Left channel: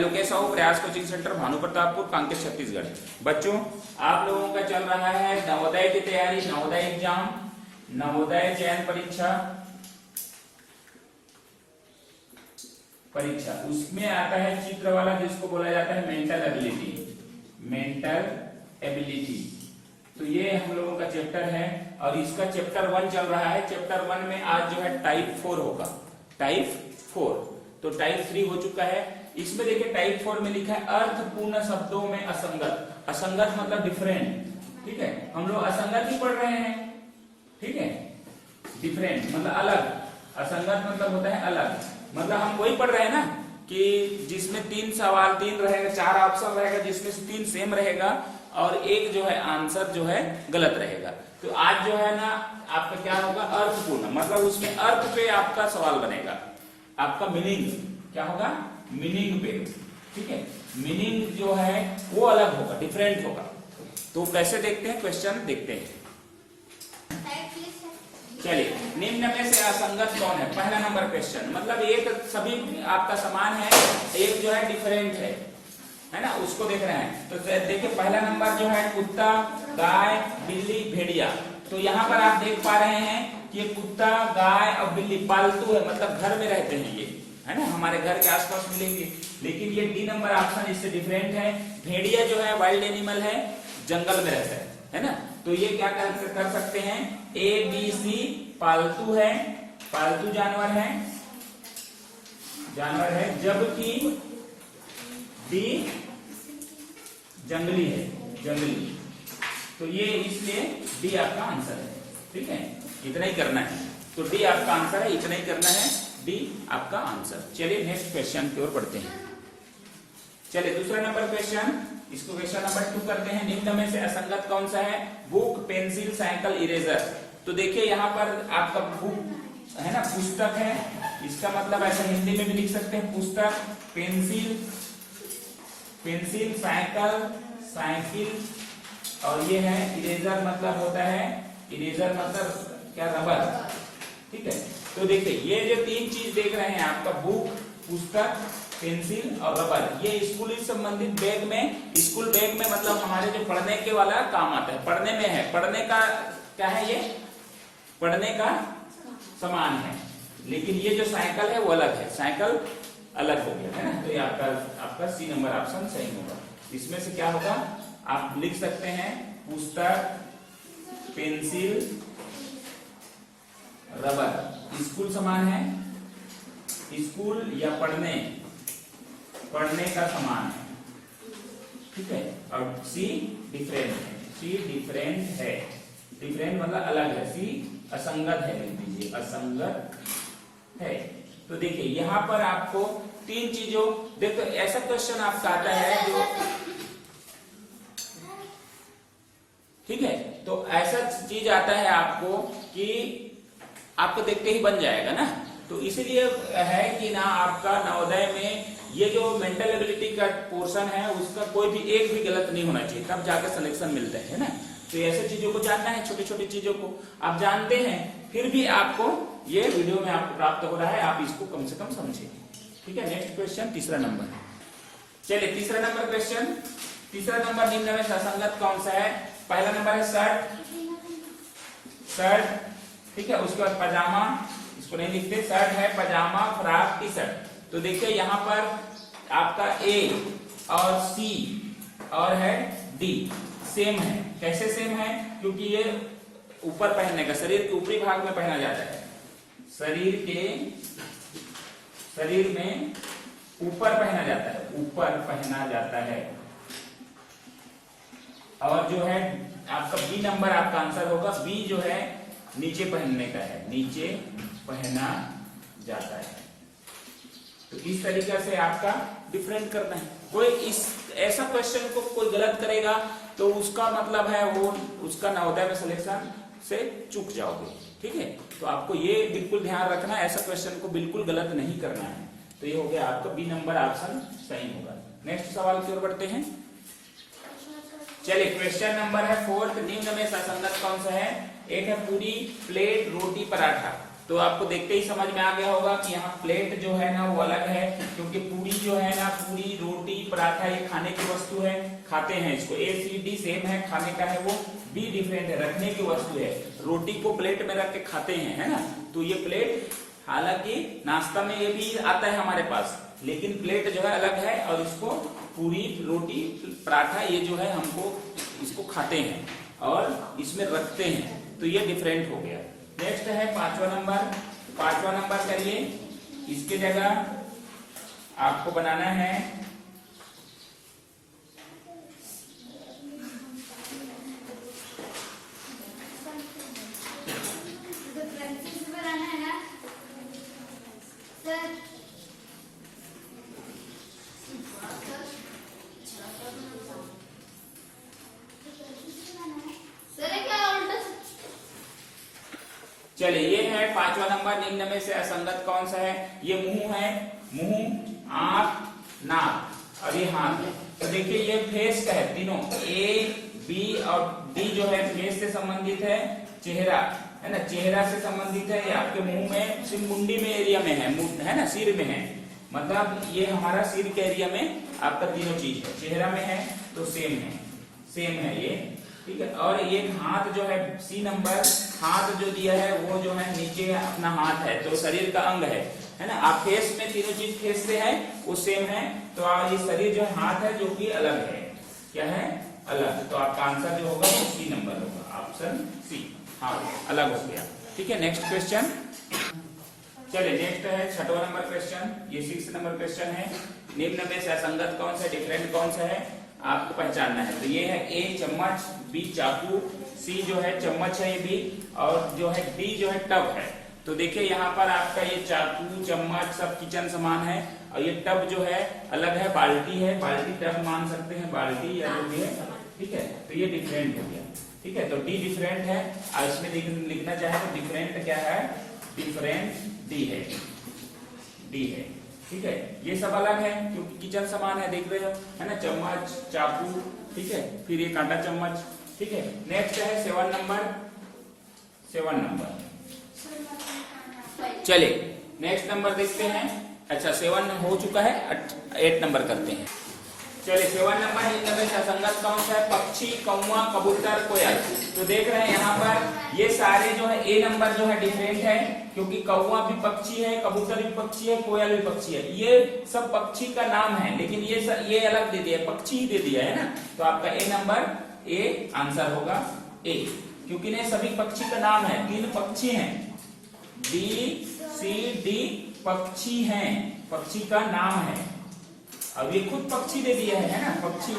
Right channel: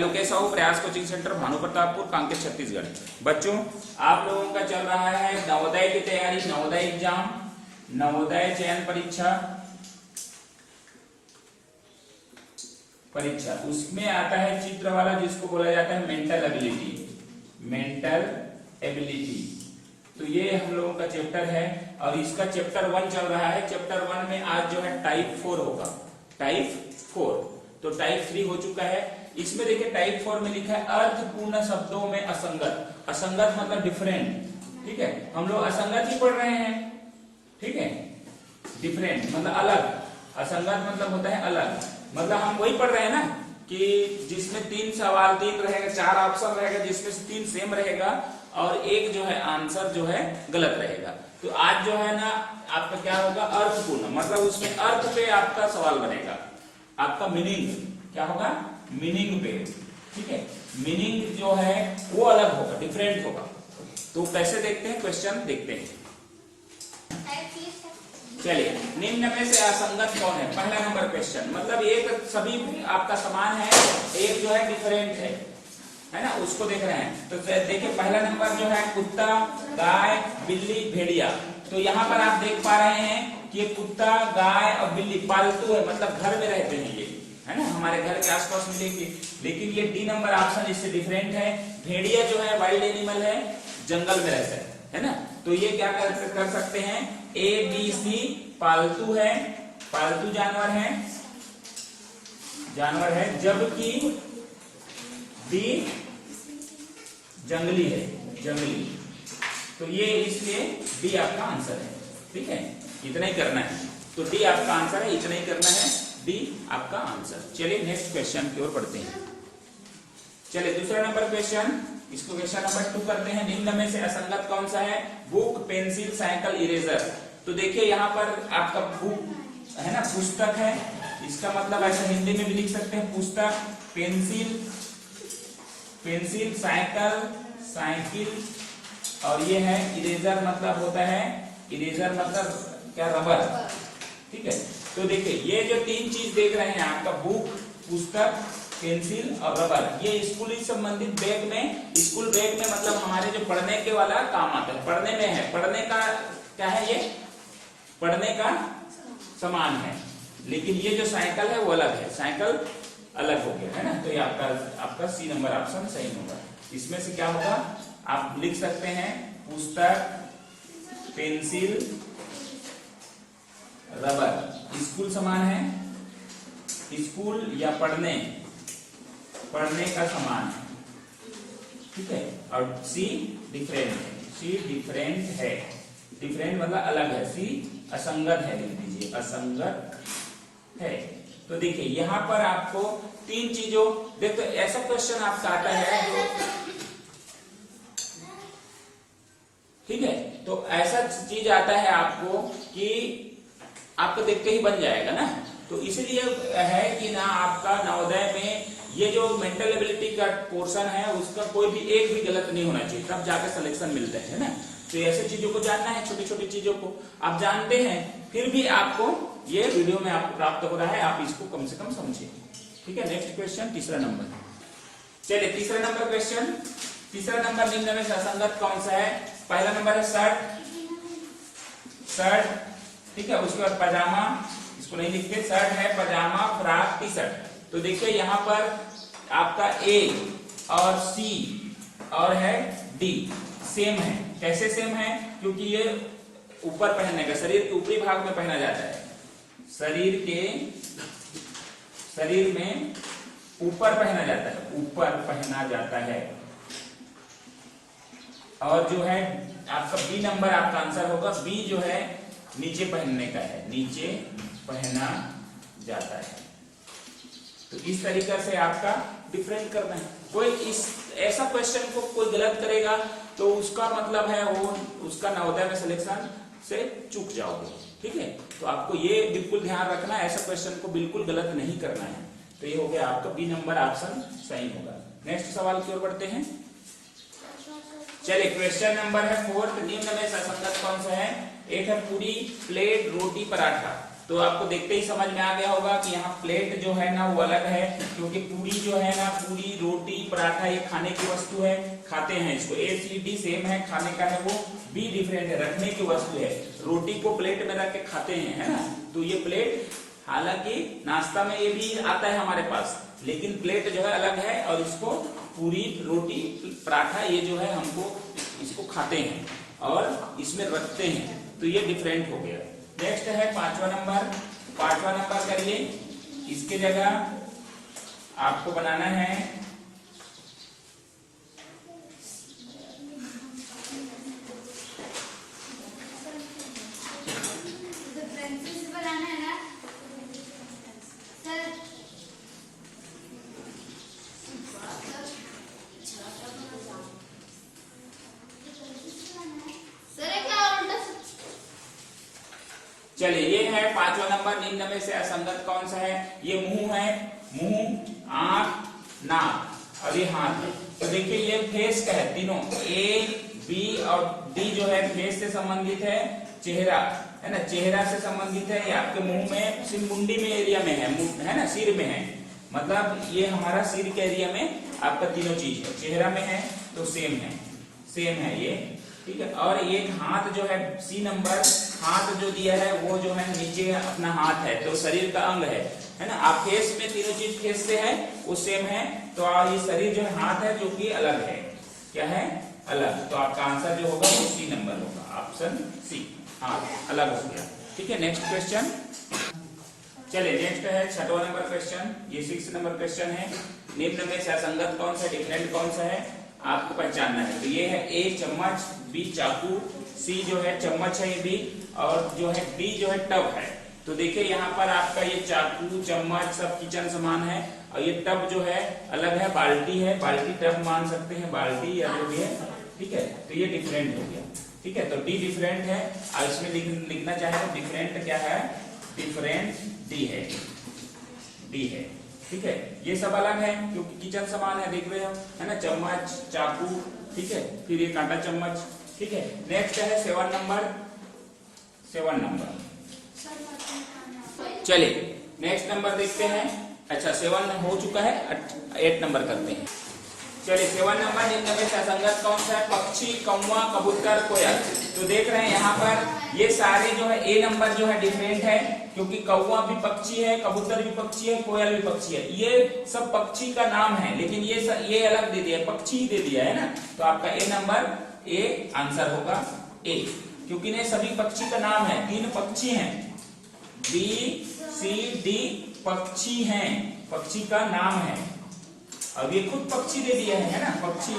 लोकेश साहू, प्रयास coaching centre, Bhanu Pratappur, Kanker, Chhattisgarh. बच्चों आप लोगों का चल रहा है नवोदय की तैयारी, नवोदय एग्जाम, नवोदय चयन परीक्षा उसमें आता है चित्र वाला, जिसको बोला जाता है मेंटल एबिलिटी। तो ये हम लोगों का चैप्टर है और इसका चैप्टर 1 चल रहा है। चैप्टर 1 में आज जो है टाइप 4 होगा, टाइप 4। तो टाइप 3 हो चुका है। इसमें देखिए टाइप 4 में लिखा है अर्थपूर्ण शब्दों में असंगत। असंगत मतलब डिफरेंट, ठीक है, हम लोग असंगत ही पढ़ रहे हैं, ठीक है। डिफरेंट मतलब अलग, असंगत मतलब होता है अलग, मतलब हम वही पढ़ रहे हैं ना कि जिसमें 3 सवाल 3 रहेगा, 4 ऑप्शन रहेगा, जिसमें से 3 सेम रहेगा और एक जो है आंसर जो है गलत रहेगा। तो आज जो है ना आपका क्या होगा, अर्थपूर्ण, मतलब उसमें अर्थ पे आपका सवाल बनेगा, आपका मीनिंग क्या होगा, मीनिंग पे, ठीक है। मीनिंग जो है वो अलग होगा, डिफरेंट होगा। तो कैसे देखते हैं, क्वेश्चन देखते हैं। चलिए, निम्न में से असंगत कौन है? पहला नंबर क्वेश्चन, मतलब एक सभी आपका समान है, एक जो है डिफरेंट है ना, उसको देख रहे हैं। तो देखिए पहला नंबर जो है कुत्ता, गाय, बिल्ली, भेड़िया। तो यहाँ पर आप देख पा रहे हैं कि ये कुत्ता, गाय और बिल्ली पालतू है, मतलब घर में रहते हैं ये, है ना, हमारे घर के आसपास मिलेंगे। लेकिन ये डी नंबर ऑप्शन इससे डिफरेंट है। भेड़िया जो है वाइल्ड एनिमल है, जंगल में रहता है ना। तो ये क्या कर सकते हैं, ए बी सी पालतू है, पालतू जानवर है, जबकि डी जंगली है, जंगली। तो ये इसलिए डी आपका आंसर है, ठीक है, इतना ही करना है। तो डी आपका आंसर है, इतना ही करना है, डी आपका आंसर। चलिए नेक्स्ट क्वेश्चन की ओर बढ़ते हैं। चलिए दूसरा नंबर क्वेश्चन, इसको क्वेश्चन नंबर 2 करते हैं। निम्न में से असंगत कौन सा है? Book, pencil, cycle, eraser. तो देखिए यहाँ पर आपका बुक है ना, पुस्तक है, इसका मतलब ऐसा हिंदी में भी लिख सकते हैं पुस्तक, पेंसिल, साइकिल और ये है इरेजर, मतलब होता है, इरेजर मतलब क्या, रबर, ठीक है। तो देखिए ये जो 3 चीज देख रहे हैं आपका, बुक, पुस्तक, पेंसिल और रबर, ये स्कूल से संबंधित बैग में, स्कूल बैग में मतलब हमारे जो पढ़ने के वाला काम आता है, पढ़ने में है, पढ़ने का क्या है, ये पढ़ने का सामान है। लेकिन ये जो साइकिल है वो अलग है, साइकिल अलग हो गया, है ना। तो ये आपका सी नंबर ऑप्शन सही होगा। इसमें से क्या होगा, आप लिख सकते हैं पुस्तक, पेंसिल, रबर। स्कूल सामान है, स्कूल या पढ़ने का सामान है, ठीक है। और सी डिफरेंट है, सी डिफरेंट है, डिफरेंट मतलब अलग है, सी असंगत है, लिख दीजिए असंगत है। तो देखिए यहाँ पर आपको 3 चीजों, देखो ऐसा क्वेश्चन आपका आता है जो, ठीक है, तो ऐसा चीज आता है आपको कि आपको देख के ही बन जाएगा ना। तो इसलिए है कि ना आपका नवोदय में ये जो मेंटल एबिलिटी का पोर्शन है उसका कोई भी एक भी गलत नहीं होना चाहिए, तब जाकर सिलेक्शन मिलता है ना। तो ऐसे चीजों को जानना है, छोटी छोटी चीजों को आप जानते हैं, फिर भी आपको ये वीडियो में आपको प्राप्त हो रहा है, आप इसको कम से कम समझिए, ठीक है। नेक्स्ट क्वेश्चन, तीसरा नंबर। चलिए तीसरा नंबर क्वेश्चन, तीसरा नंबर निम्न में से असंगत कौन सा है? पहला नंबर है शर्ट, ठीक है, उसके बाद पजामा, इसको नहीं लिखते, शर्ट है, पजामा, फ्रॉक, टी शर्ट। तो देखिए यहाँ पर आपका ए और सी और है डी सेम है। कैसे सेम है? क्योंकि ये ऊपर पहनने का, शरीर के ऊपरी भाग में पहना जाता है, शरीर में ऊपर पहना जाता है, ऊपर पहना जाता है। और जो है आपका बी नंबर आपका आंसर होगा, बी जो है नीचे पहनने का है, नीचे पहना जाता है। तो इस तरीके से आपका डिफरेंट करना है। कोई इस ऐसा क्वेश्चन को कोई गलत करेगा तो उसका मतलब है वो उसका नवोदय में सिलेक्शन से चूक जाओगे, ठीक है। तो आपको ये बिल्कुल ध्यान रखना है, ऐसा क्वेश्चन को बिल्कुल गलत नहीं करना है। तो ये हो गया आपका बी नंबर ऑप्शन सही होगा। नेक्स्ट सवाल की ओर बढ़ते हैं। चलिए क्वेश्चन नंबर है 4, निम्न में से असंगत कौन सा है? एक है पूरी, प्लेट, रोटी, पराठा। तो आपको देखते ही समझ में आ गया होगा कि यहाँ प्लेट जो है ना वो अलग है, क्योंकि पूरी जो है ना, पूरी रोटी पराठा ये खाने की वस्तु है, खाते हैं इसको। A C D सेम है, खाने का है, वो B डिफरेंट है, रखने की वस्तु है। रोटी को प्लेट में रख के खाते हैं, है ना। तो ये प्लेट, हालांकि नाश्ता में ये भी आता है हमारे पास, लेकिन प्लेट जो है अलग है, और इसको पूरी रोटी पराठा ये जो है हमको इसको खाते हैं और इसमें रखते हैं, तो ये डिफरेंट हो गया। नेक्स्ट है 5वां नंबर। 5वां नंबर करिए, इसके जगह आपको बनाना है चलिए, ये है 5वां नंबर। निम्न में से असंगत कौन सा है? ये मुंह है, मुंह, आंख, नाक और ये हाथ है। तो देखिए ये फेस का है, तीनों A B और D जो है फेस से संबंधित है, चेहरा है ना, चेहरा से संबंधित है। ये आपके मुंह में, सिर मुंडी में एरिया में है ना, सिर में है, मतलब ये हमारा सिर के एरिया में आपका तीनों चीज है। चेहरा में है तो सेम है ये, ठीक है। और ये हाथ जो है C नंबर, हाथ जो दिया है वो जो है नीचे अपना हाथ है, तो शरीर का अंग है ना। आप फेस में तीनों चीज फेस से है वो सेम है, तो ये शरीर जो है हाथ है जो कि अलग है, क्या है? अलग। तो आपका आंसर जो होगा वो C नंबर होगा, ऑप्शन C, हाथ अलग हो गया। ठीक है, नेक्स्ट क्वेश्चन। चलिए नेक्स्ट है 6वां नंबर क्वेश्चन। ये 6 नंबर क्वेश्चन है। निम्न में से असंगत कौन सा, डिफरेंट कौन सा है, आपको पहचानना है। तो ये है A चम्मच, B चाकू, C जो है चम्मच है ये भी, और जो है D जो है टब है। तो देखिए यहाँ पर आपका ये चाकू, चम्मच सब किचन सामान है, और ये टब जो है अलग है, बाल्टी है, बाल्टी टब मान सकते हैं, बाल्टी या जो भी है, ठीक है। तो ये डिफरेंट हो गया, ठीक है। तो D डिफरेंट है, और इसमें लिखना चाहे तो डिफरेंट क्या है, डिफरेंट D है, ठीक है। ये सब अलग है क्योंकि किचन सामान है, देख रहे हो, है ना, चम्मच, चाकू, ठीक है, फिर ये कांटा चम्मच, ठीक है। नेक्स्ट है 7 नंबर। चलिए नेक्स्ट नंबर देखते हैं। अच्छा 7 हो चुका है, 8 नंबर करते हैं। चलिए 7 नंबर, इनमें से असंगत कौन सा है? पक्षी, कौवा, कबूतर, कोयल। तो देख रहे हैं यहाँ पर ये सारे जो है A नंबर जो है डिफरेंट है, क्योंकि कौवा भी पक्षी है, कबूतर भी पक्षी है, कोयल भी पक्षी है। ये सब पक्षी का नाम है, लेकिन ये अलग दे दिया, पक्षी ही दे दिया है ना। तो आपका A नंबर, A आंसर होगा A, क्योंकि ने सभी पक्षी का नाम है, 3 पक्षी हैं, B C D पक्षी हैं, पक्षी का नाम है। अब ये खुद पक्षी दे दिया है ना, पक्षी।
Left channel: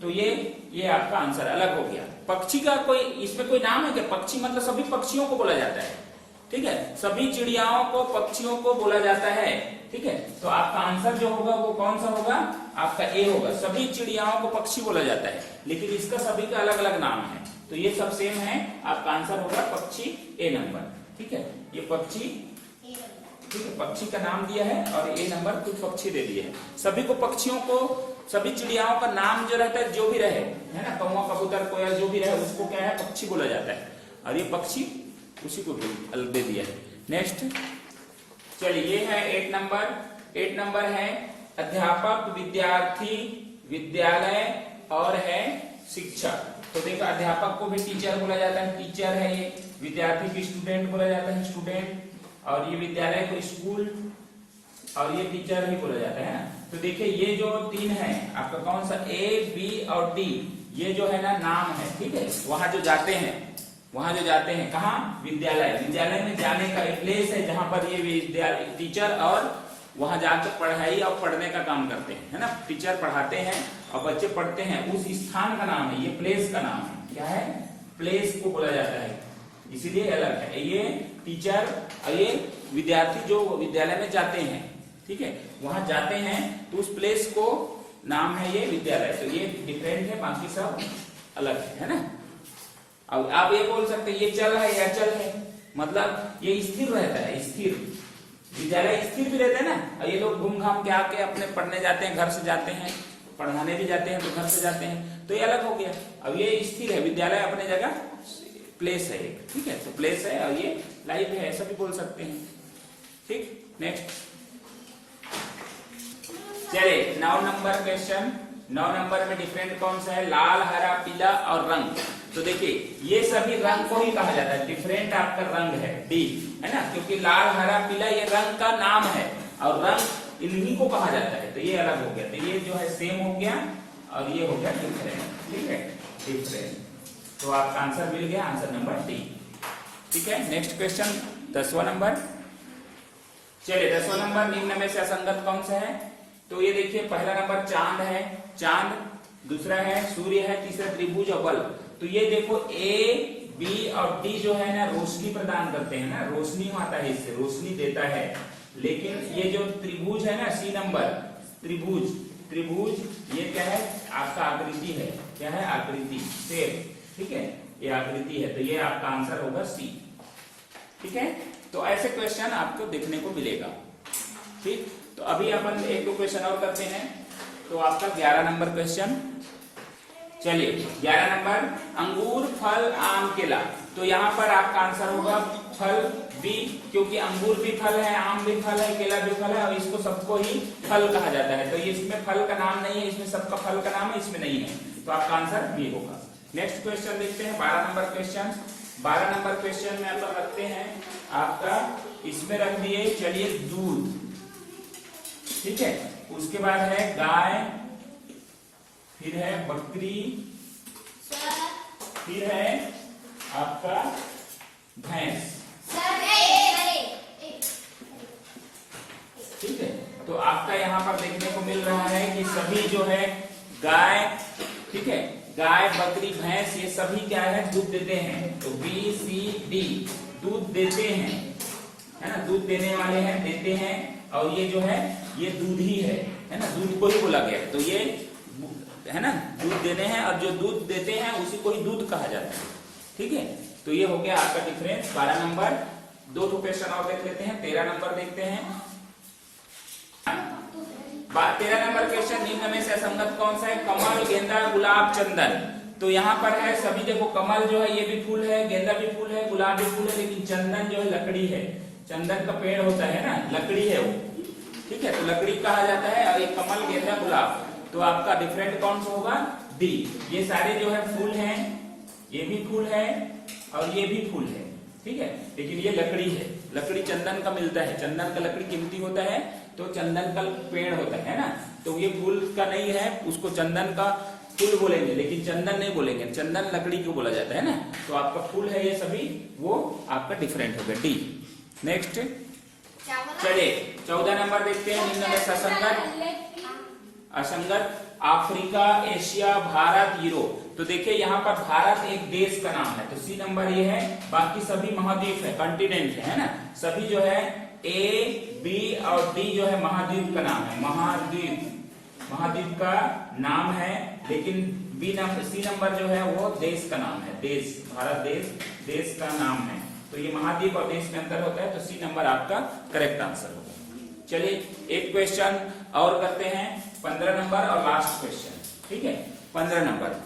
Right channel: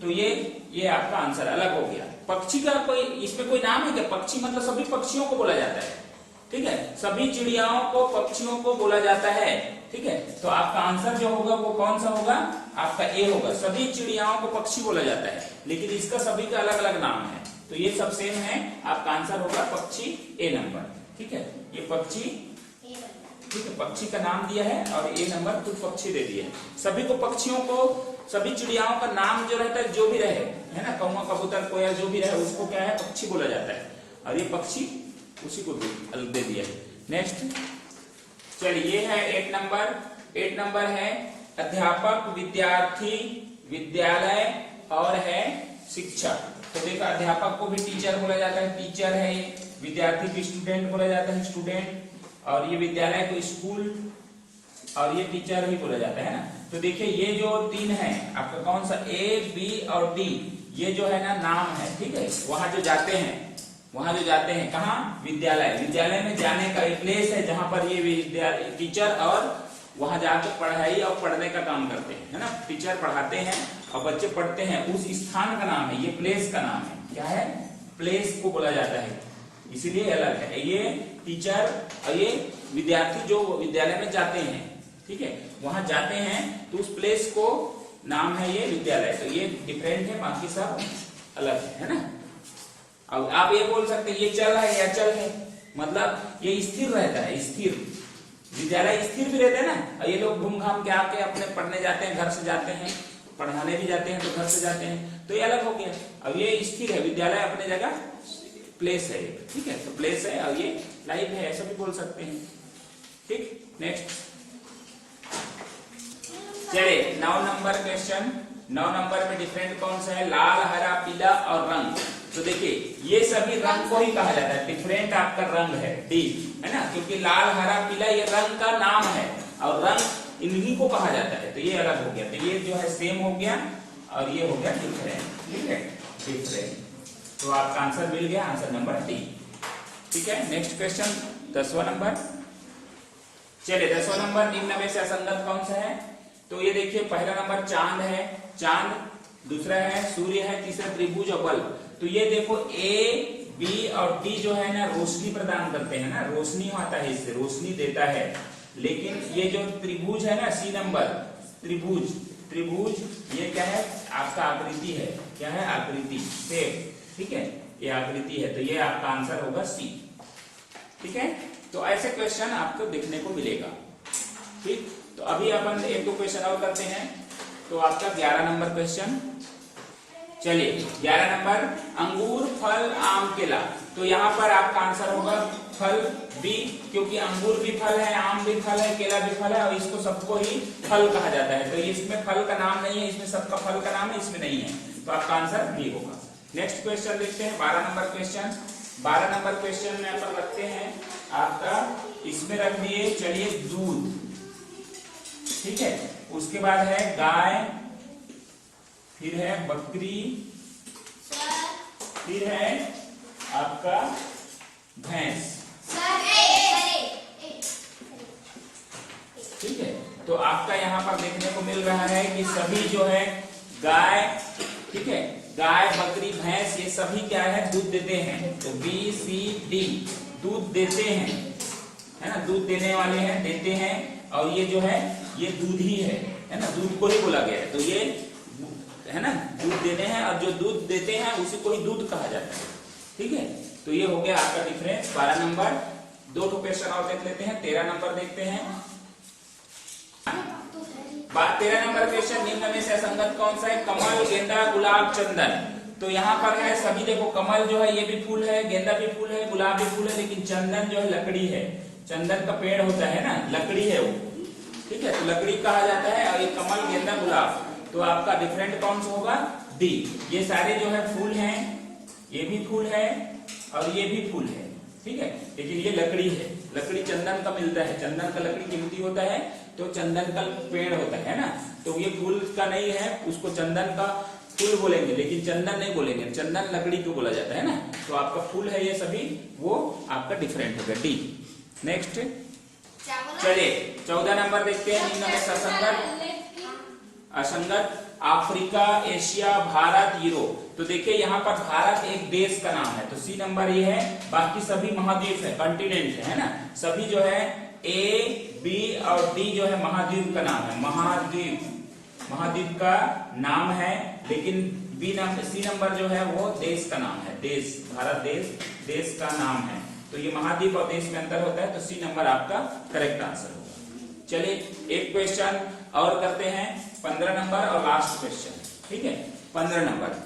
तो ये आपका आंसर अलग हो गया। पक्षी का कोई इसमें कोई नाम है क्या? पक्षी मतलब सभी पक्षियों को बोला जाता है, ठीक है, सभी चिड़ियाओं को, पक्षियों को बोला जाता है, ठीक है। तो आपका आंसर जो होगा वो कौन सा होगा? आपका A होगा। सभी चिड़ियाओं को पक्षी बोला जाता है, लेकिन इसका सभी का अलग अलग नाम है, तो ये सब सेम है। आपका आंसर होगा पक्षी, A नंबर, ठीक है। ये पक्षी, ठीक है, पक्षी का नाम दिया है और A नंबर खुद पक्षी दे दिया है। सभी को, पक्षियों को, सभी चिड़ियाओं का नाम जो रहता है, जो भी रहे, है ना, कौवा, कबूतर, कोयल जो भी रहे, उसको क्या है? पक्षी बोला जाता है। और ये पक्षी उसी को अलग दे दिया है। नेक्स्ट, चलिए ये है 8 नंबर। 8 नंबर है अध्यापक, विद्यार्थी, विद्यालय और है शिक्षक। तो देखो अध्यापक को भी टीचर बोला जाता है, टीचर है ये। विद्यार्थी को स्टूडेंट बोला जाता है, स्टूडेंट। और ये विद्यालय को स्कूल, और ये टीचर ही बोला जाता है ना। तो देखिए ये जो 3 है आपका कौन सा, A B और D, ये जो है ना नाम है, ठीक है। वहां जो जाते हैं कहाँ? विद्यालय। विद्यालय में जाने का एक प्लेस है जहां पर ये टीचर और वहां जाकर पढ़ाई और पढ़ने का काम करते हैं, है ना। टीचर पढ़ाते हैं और बच्चे पढ़ते हैं, उस स्थान का नाम है, ये प्लेस का नाम है, क्या है? प्लेस को बोला जाता है, इसीलिए अलग है। ये टीचर और ये विद्यार्थी जो विद्यालय में जाते हैं, ठीक है, वहां जाते हैं, तो उस प्लेस को नाम है ये विद्यालय। तो ये डिफरेंट है, बाकी सब अलग है ना। अब आप ये बोल सकते हैं ये चल है या चल है, मतलब ये स्थिर रहता है, स्थिर। विद्यालय स्थिर भी रहता है ना, और ये लोग घूम घाम के आके अपने पढ़ने जाते हैं, घर से जाते हैं, पढ़ाने भी जाते हैं तो घर से जाते हैं, तो ये अलग हो गया। अब ये स्थिर है, विद्यालय अपने जगह प्लेस है, ठीक है, तो प्लेस है और ये लाइव है, ऐसा भी बोल सकते हैं। ठीक, नेक्स्ट चलिए 9 नंबर क्वेश्चन। 9 नंबर में डिफरेंट कौन सा है? लाल, हरा, पीला और रंग। तो देखिए ये सभी रंग को ही कहा जाता है, डिफरेंट आपका रंग है डी, है ना, क्योंकि लाल, हरा, पीला ये रंग का नाम है और रंग इन्हीं को कहा जाता है, तो ये अलग हो गया। तो ये जो है सेम हो गया और ये हो गया डिफरेंट, ठीक है, डिफरेंट। तो आपका आंसर मिल गया, आंसर नंबर डी। ठीक है, नेक्स्ट क्वेश्चन 10वां नंबर। चलिए 10वां नंबर, निम्न में से असंगत कौन सा है? तो ये देखिए पहला नंबर चांद है, चांद, दूसरा है सूर्य है, तीसरा त्रिभुज और बल्ब। तो ये देखो ए, बी और डी जो है ना रोशनी प्रदान करते हैं ना, रोशनी आता है, इससे रोशनी देता है। लेकिन ये जो त्रिभुज है ना, सी नंबर त्रिभुज, त्रिभुज ये क्या है? आपका आकृति है, क्या है? आकृति, शेप, ठीक है, ये आकृति है, तो ये आपका आंसर होगा सी। ठीक है, तो ऐसे क्वेश्चन आपको देखने को मिलेगा। ठीक, तो अभी अपन एक दो क्वेश्चन और करते हैं। तो आपका 11 नंबर क्वेश्चन। चलिए 11 नंबर, अंगूर, फल, आम, केला। तो यहाँ पर आपका आंसर होगा फल बी, क्योंकि अंगूर भी फल है, आम भी फल है, केला भी फल है और इसको सबको ही फल कहा जाता है। तो इसमें फल का नाम नहीं है, इसमें सबका फल का नाम है, इसमें नहीं है, तो आपका आंसर बी होगा। नेक्स्ट क्वेश्चन देखते हैं 12 नंबर क्वेश्चन। 12 नंबर क्वेश्चन में अपन रखते हैं आपका, इसमें रख दिए चलिए दूध, ठीक है, उसके बाद है गाय, फिर है बकरी, फिर है आपका भैंस। ठीक है, तो आपका यहाँ पर देखने को मिल रहा है कि सभी जो है गाय, ठीक है, गाय, बकरी, भैंस ये सभी क्या है? दूध देते हैं। तो बी, सी, डी दूध देते हैं, है ना, दूध देने वाले हैं, देते हैं, और ये जो है ये दूध ही है ना, दूध को ही बोला गया है। तो ये है ना, दूध देने हैं और जो दूध देते हैं उसी को ही दूध कहा जाता है। ठीक है, तो ये हो गया आपका डिफरेंस 12 नंबर। दो क्वेश्चन और देख लेते हैं। 13 नंबर देखते हैं। 13 नंबर क्वेश्चन, निम्न में से असंगत कौन सा है? कमल, गेंदा, गुलाब, चंदन। तो यहाँ पर है सभी, देखो कमल जो है ये भी फूल है, गेंदा भी फूल है, गुलाब भी फूल है, लेकिन चंदन जो है लकड़ी है, चंदन का पेड़ होता है ना, लकड़ी है वो, ठीक है, तो लकड़ी कहा जाता है। और ये कमल, गेंदा, गुलाब, तो आपका डिफरेंट कौन सा होगा? डी। ये सारे जो है फूल हैं, ये भी फूल है और ये भी फूल है, ठीक है, लेकिन ये लकड़ी है, लकड़ी चंदन का मिलता है, चंदन का लकड़ी कीमती होता है, तो चंदन का पेड़ होता है ना, तो ये फूल का नहीं है, उसको चंदन का फूल बोलेंगे, लेकिन चंदन नहीं बोलेंगे, चंदन लकड़ी को बोला जाता है ना, तो आपका फूल है ये सभी, वो आपका डिफरेंट होगा, डी। नेक्स्ट चलिए 14 नंबर देखते हैं। निम्न में से असंगत अफ्रीका, एशिया, भारत, यूरोप। तो देखिए यहाँ पर भारत एक देश का नाम है, तो सी नंबर ये है, बाकी सभी महाद्वीप है, कॉन्टिनेंट है ना, सभी जो है ए, बी और डी जो है महाद्वीप का नाम है, महाद्वीप, महाद्वीप का नाम है, लेकिन बी नंबर, सी नंबर जो है वो देश का नाम है, देश, भारत देश, देश का नाम है। तो ये महाद्वीप और देश में अंतर होता है, तो सी नंबर आपका करेक्ट आंसर होगा। चलिए एक क्वेश्चन और करते हैं, 15 नंबर और लास्ट क्वेश्चन, ठीक है, 15 नंबर।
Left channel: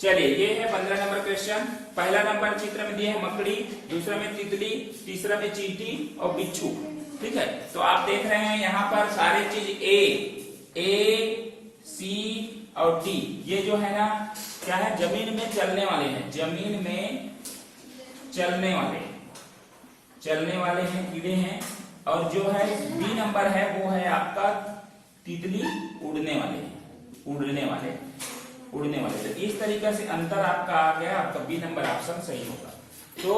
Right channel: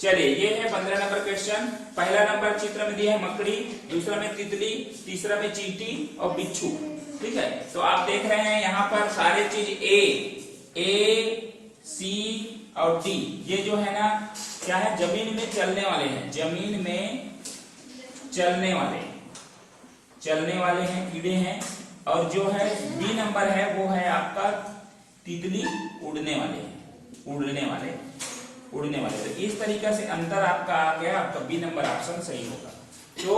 चलिए ये है 15 नंबर क्वेश्चन। पहला नंबर चित्र में दिया है मकड़ी, दूसरा में तितली, तीसरा में चींटी और बिच्छू, ठीक है। तो आप देख रहे हैं यहाँ पर सारे चीज ए, सी और डी, ये जो है ना क्या है? जमीन में चलने वाले हैं, जमीन में चलने वाले हैं, कीड़े हैं। और जो है बी नंबर है वो है आपका तितली, उड़ने वाले। तो इस तरीके से अंतर आपका आ गया, आपका बी नंबर ऑप्शन सही होगा। तो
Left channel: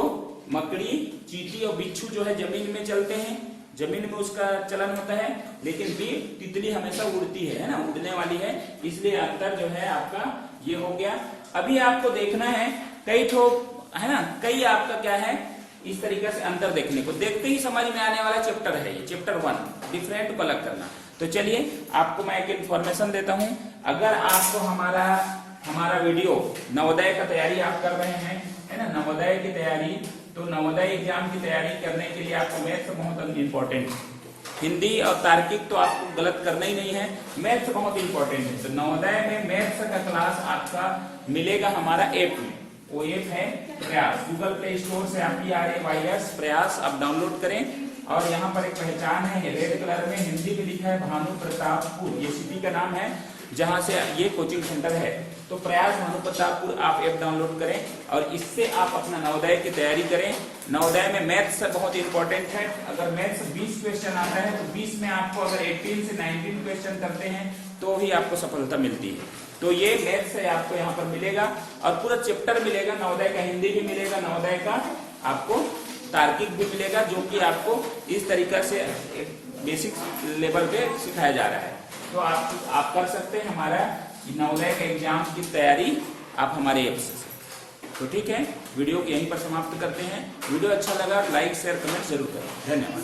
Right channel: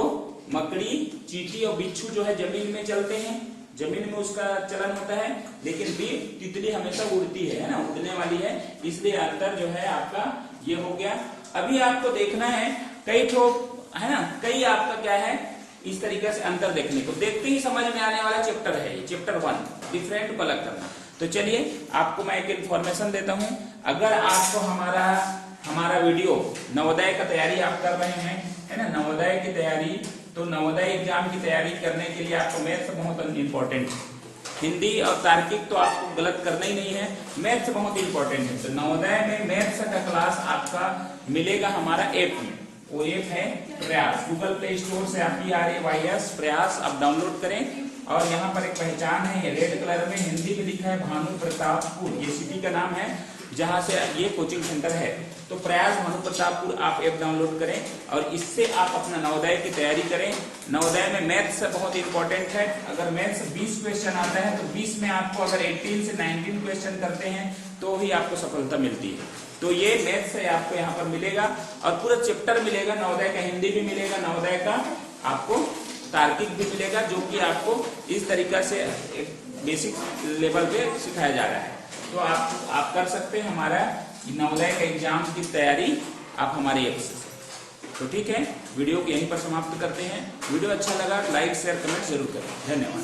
मकड़ी, चींटी और बिच्छू जो है जमीन में चलते हैं, जमीन में उसका चलन होता है, लेकिन बी तितली हमेशा उड़ती है ना, उड़ने वाली है, इसलिए अंतर जो है आपका ये हो गया। अभी आपको देखना है कई ठो, है ना, कई आपका क्या है इस तरीके से अंतर देखने को, देखते ही समझ में आने वाला चैप्टर है ये, चैप्टर 1 डिफरेंट को अलग करना। तो चलिए आपको मैं एक इन्फॉर्मेशन देता हूँ, अगर आपको हमारा वीडियो नवोदय का तैयारी आप कर रहे हैं, है ना, नवोदय की तैयारी, तो नवोदय एग्जाम की तैयारी करने के लिए आपको मैथ बहुत इंपॉर्टेंट है, हिंदी और तार्किक तो आपको गलत करना ही नहीं है, मैथ्स बहुत इंपॉर्टेंट है। तो नवोदय में मैथ्स का क्लास आपका मिलेगा हमारा ऐप में, वो ऐप है प्रयास। गूगल प्ले स्टोर से आप PRAYS प्रयास आप डाउनलोड करें, और यहाँ पर एक पहचान है, ये रेड कलर में हिंदी में लिखा है भानु प्रतापपुर, ये सिटी का नाम है जहां से ये कोचिंग सेंटर है। तो प्रयास भानु प्रतापपुर आप ऐप डाउनलोड करें और इससे आप अपना नवोदय की तैयारी करें। नवोदय में मैथ्स बहुत इंपॉर्टेंट है। अगर मैथ्स 20 क्वेश्चन आता है तो 20 में आपको अगर 18 से 19 क्वेश्चन करते हैं तो ही आपको सफलता मिलती है। तो ये मैथ्स है आपको यहाँ पर मिलेगा, और पूरा चैप्टर मिलेगा। नवोदय का हिंदी भी मिलेगा, नवोदय का आपको तार्किक भी मिलेगा, जो कि आपको इस तरीका से एक बेसिक लेवल पे सिखाया जा रहा है। तो आप कर सकते हैं हमारा नवोदय के एग्जाम की तैयारी आप हमारे ऐप से। तो ठीक है, वीडियो को यहीं पर समाप्त करते हैं। वीडियो अच्छा लगा लाइक शेयर कमेंट जरूर करें। धन्यवाद।